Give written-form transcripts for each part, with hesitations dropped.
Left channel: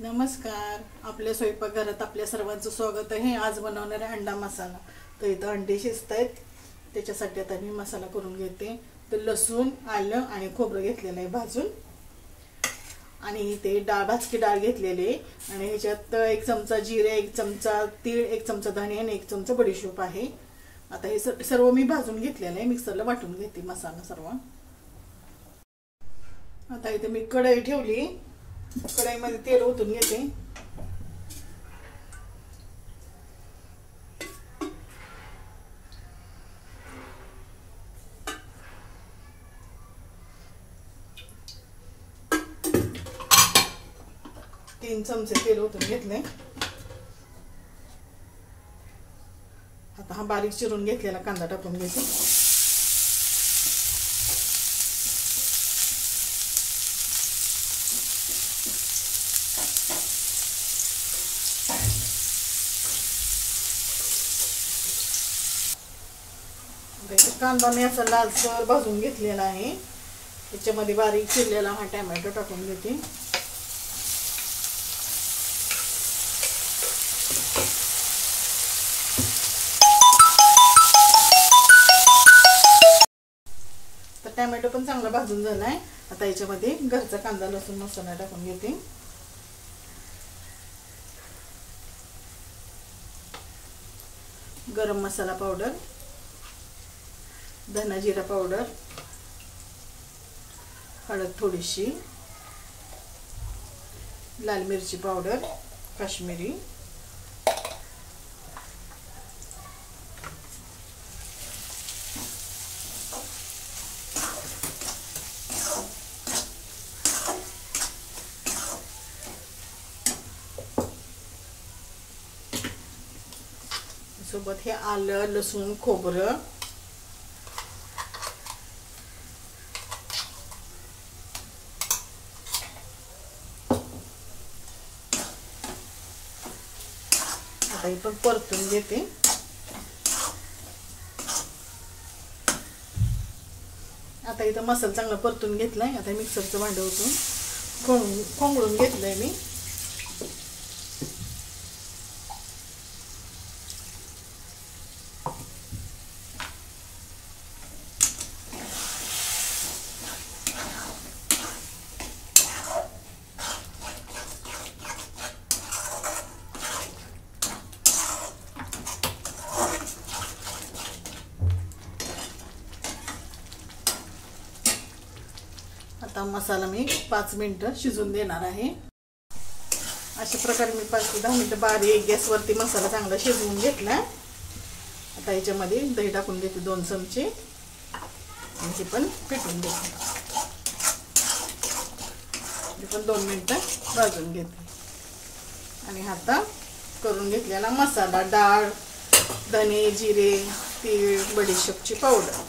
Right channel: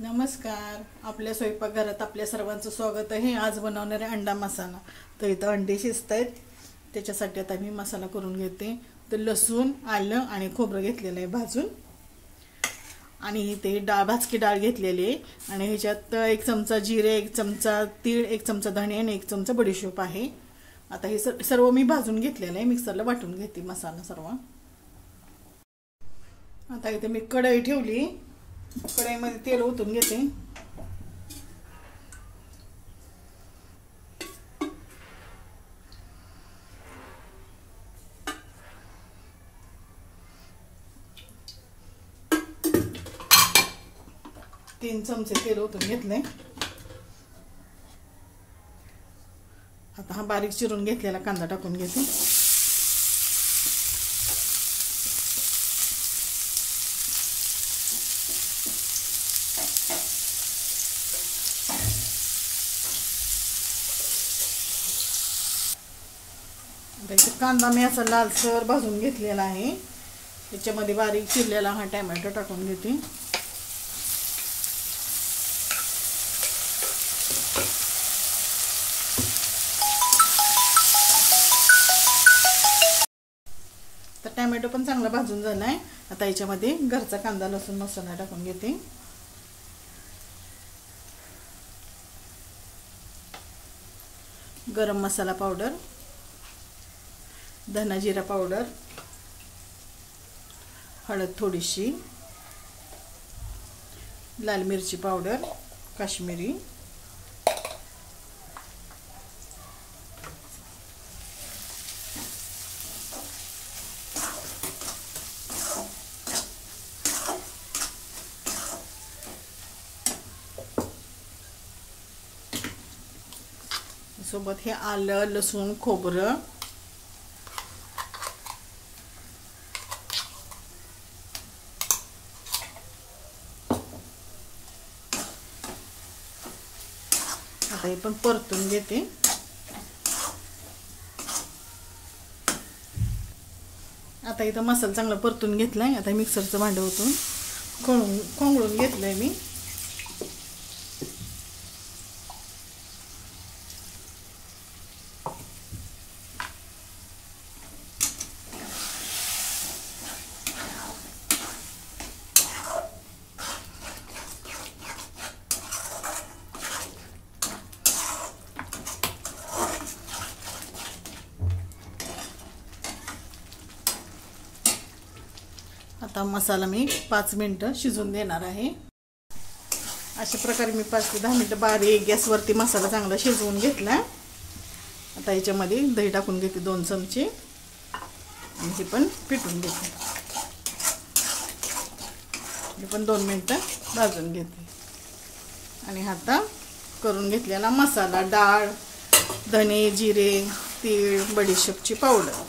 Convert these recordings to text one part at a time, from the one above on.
नमस्कार. आपल्या स्वयंपाकघरात आपल्या सर्वांचं स्वागत आहे. आज बनवणार आहे अंडा मसाला. तर इथं अंडे शिजतायत, त्याच्यासाठी आता मी मसाला करून घेते. तर लसूण, आलं आणि खोबरं घेतलेलं आहे भाजून, आणि ते भाजकी डाळ घेतलेली आहे, आणि ह्याच्यात 1 चमचा जिरे, 1 चमचा तीळ, 1 चमचा धणे आणि 1 चमचा बडीशोप आहे. आता हे सर्व मी भाजून घेतलेलं आहे. मिक्सरला वाटून घेते मसाला सर्व. आता इथे मी कढई ठेवली, कढईमध्ये तेल ओतून घेते. तीन चमचे तेल ओतून घेतले. आता हा बारीक चिरून घेतलेला कांदा टाकून घेते. कांदा मी असा लालसर भाजून घेतलेला आहे. त्याच्यामध्ये बारीक चिरलेला हा टोमॅटो टाकून घेते. तर टोमॅटो पण चांगला भाजून झालाय. आता याच्यामध्ये घरचा कांदा लसूण मसाला टाकून घेते. गरम मसाला पावडर, धना जिरा पावडर, हळद थोडीशी, लाल मिरची पावडर काश्मीरी, सोबत हे आलं, लसूण, खोबरं, आता हे पण परतून घेते. आता इथं मसाला चांगला परतून घेतलाय. आता मिक्सरचं भांडं ओतून खोंगळून घेतलंय मी. आता मसाला मी 5 मिनिटं शिजून देणार आहे. अशा प्रकारे मी 5 ते 10 मिनिटं बारीक गॅसवरती मसाला चांगला शिजवून घेतला. आता याच्यामध्ये दही टाकून घेते 2 चमचे, आणि हे पण पिटून घेते. हे पण 2 मिनिटं भाजून घेते. आणि आता करून घेतलेला मसाला, डाळ, धने, जिरे, तीळ, बडीशेपची पावडर,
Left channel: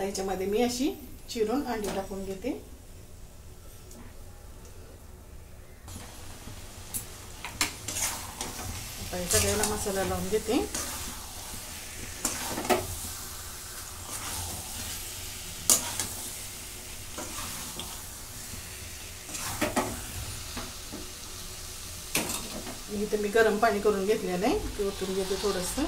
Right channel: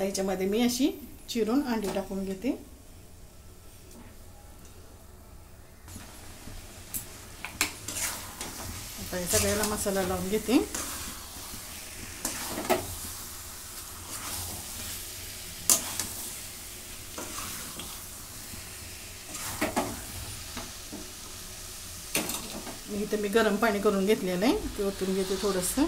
याच्यामध्ये मी अशी चिरून अंडी टाकून घेते. आता सगळ्याला मसाला लावून घेते. इथं मी गरम पाणी करून घेतलेलं आहे, ते ओतून घेते थोडंसं.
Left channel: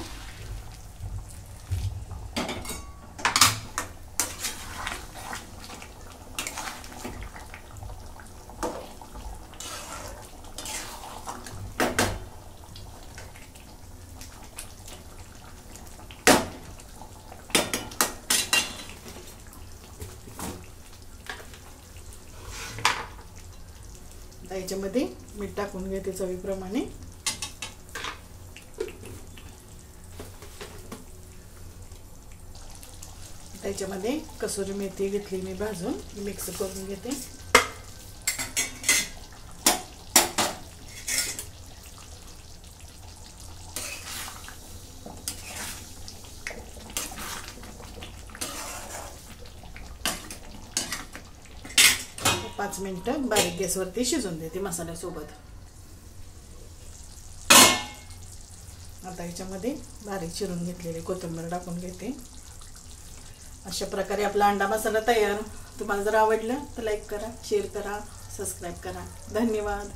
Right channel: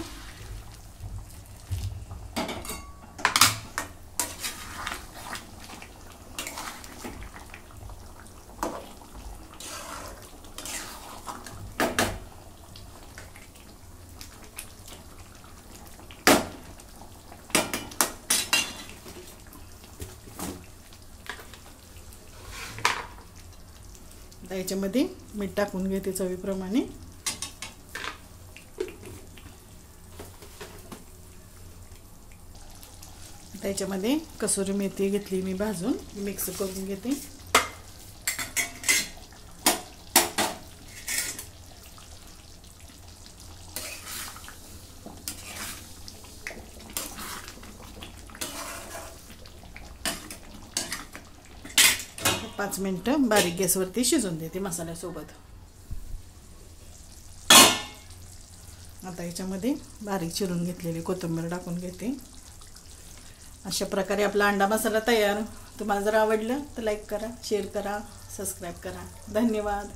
याच्यामध्ये मीठ टाकून घेते चवीप्रमाणे. याच्यामध्ये कसुरी मेथी घेतली मी भाजून, मिक्स करून घेते. पाच मिनिटं बारीक गॅसवरती शिजून देते मसाल्यासोबत. आता ह्याच्यामध्ये बारीक चिरून घेतलेली कोथिंबीर टाकून घेते। अशा प्रकारे आपला अंडा मसाला तयार। तुम्हाला जर आवडलं तर लाईक करा, शेअर करा, सबस्क्राईब करा। धन्यवाद।